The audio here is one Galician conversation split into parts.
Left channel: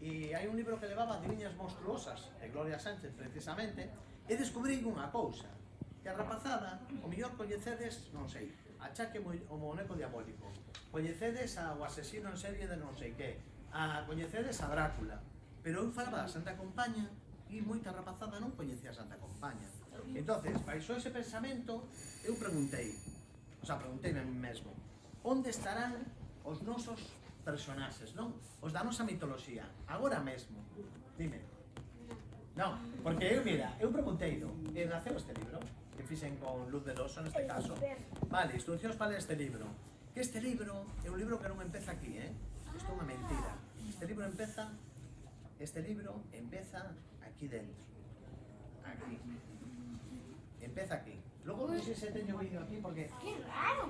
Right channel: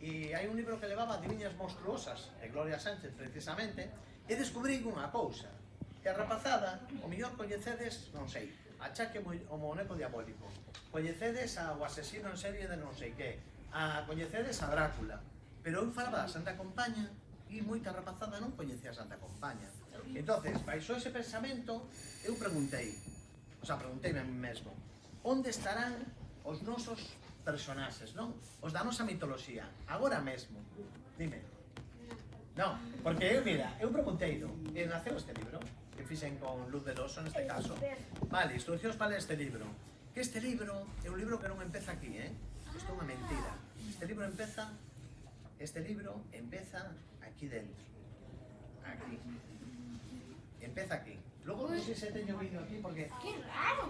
e hai un libro que levaba Adiviñas monstruosas, de Gloria Sánchez, precisamente, e descubrín unha cousa, que a rapazada, o mellor coñecedes, non sei, Achaque o moneco diabólico, coñecedes ao asesino en serie de non sei que, coñecedes a Drácula, pero eu falaba da Santa Compaña e moita rapazada non coñecía a Santa Compaña. Entonces, baixo ese pensamento, eu pregunteime a mí mesmo, onde estarán os nosos personaxes, non? Os da nosa mitoloxía, agora mesmo. Dime. Non, porque eu, mira, eu pregunteino, e naceu este libro, que fixen con Luz Veloso neste caso. Vale, instruccións para este libro. Que este libro é un libro que non empeza aquí, Isto é unha mentira. Este libro empeza aquí dentro. Aquí. Empeza aquí. Logo non sei se teño vídeo aquí porque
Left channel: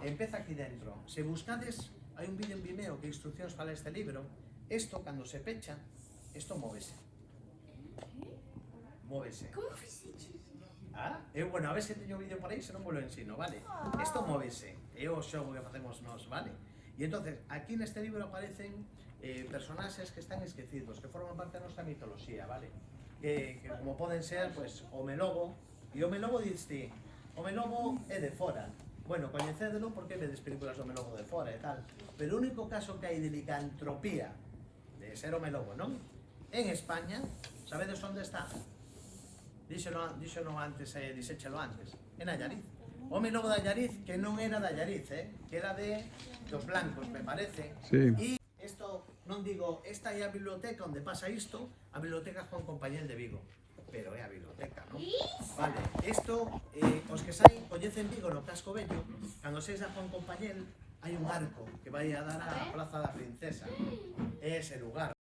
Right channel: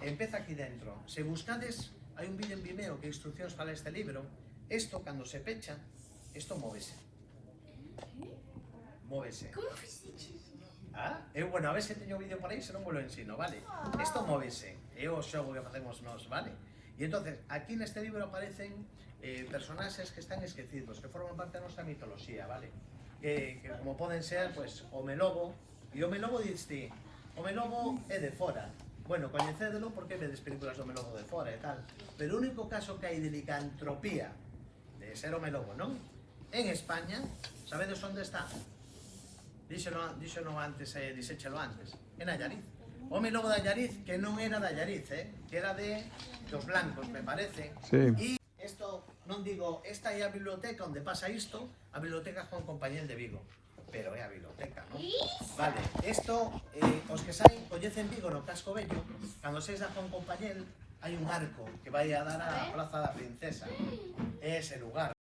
empeza aquí dentro. Se buscades, hai un vídeo en Vimeo que instruccións para este libro. Isto, cando se pecha, isto móvese. Móvese. Como fixeches? Bueno, a ver se teño vídeo por aí, se non vos lo ensino, vale? Isto móvese, é o xogo que facemos nós, vale? E entonces, aquí neste libro aparecen personaxes que están esquecidos, que forman parte da nosa mitoloxía, vale? Que como poden ser, pues, o Melobo, e o Melobo diste, o Melobo é de fora. Bueno, coñecédelo porque vedes películas do Melobo de fora e tal, pero o único caso que hai de licantropía, de ser o Melobo, non? En España, sabedes onde está? Díxelo antes, dixéchelo antes, en Allariz. O Melobo de Allariz, que non era de Allariz, que era de dos blancos, me parece. Sí. E isto, non digo, esta é a biblioteca onde pasa isto, a biblioteca Juan Compañel de Vigo. Pero é a biblioteca, non? Vale, isto, os que saen, coñecen Vigo no Casco Vello, cando seis a Juan Compañel, hai un arco que vai a dar á Plaza da Princesa. É ese lugar.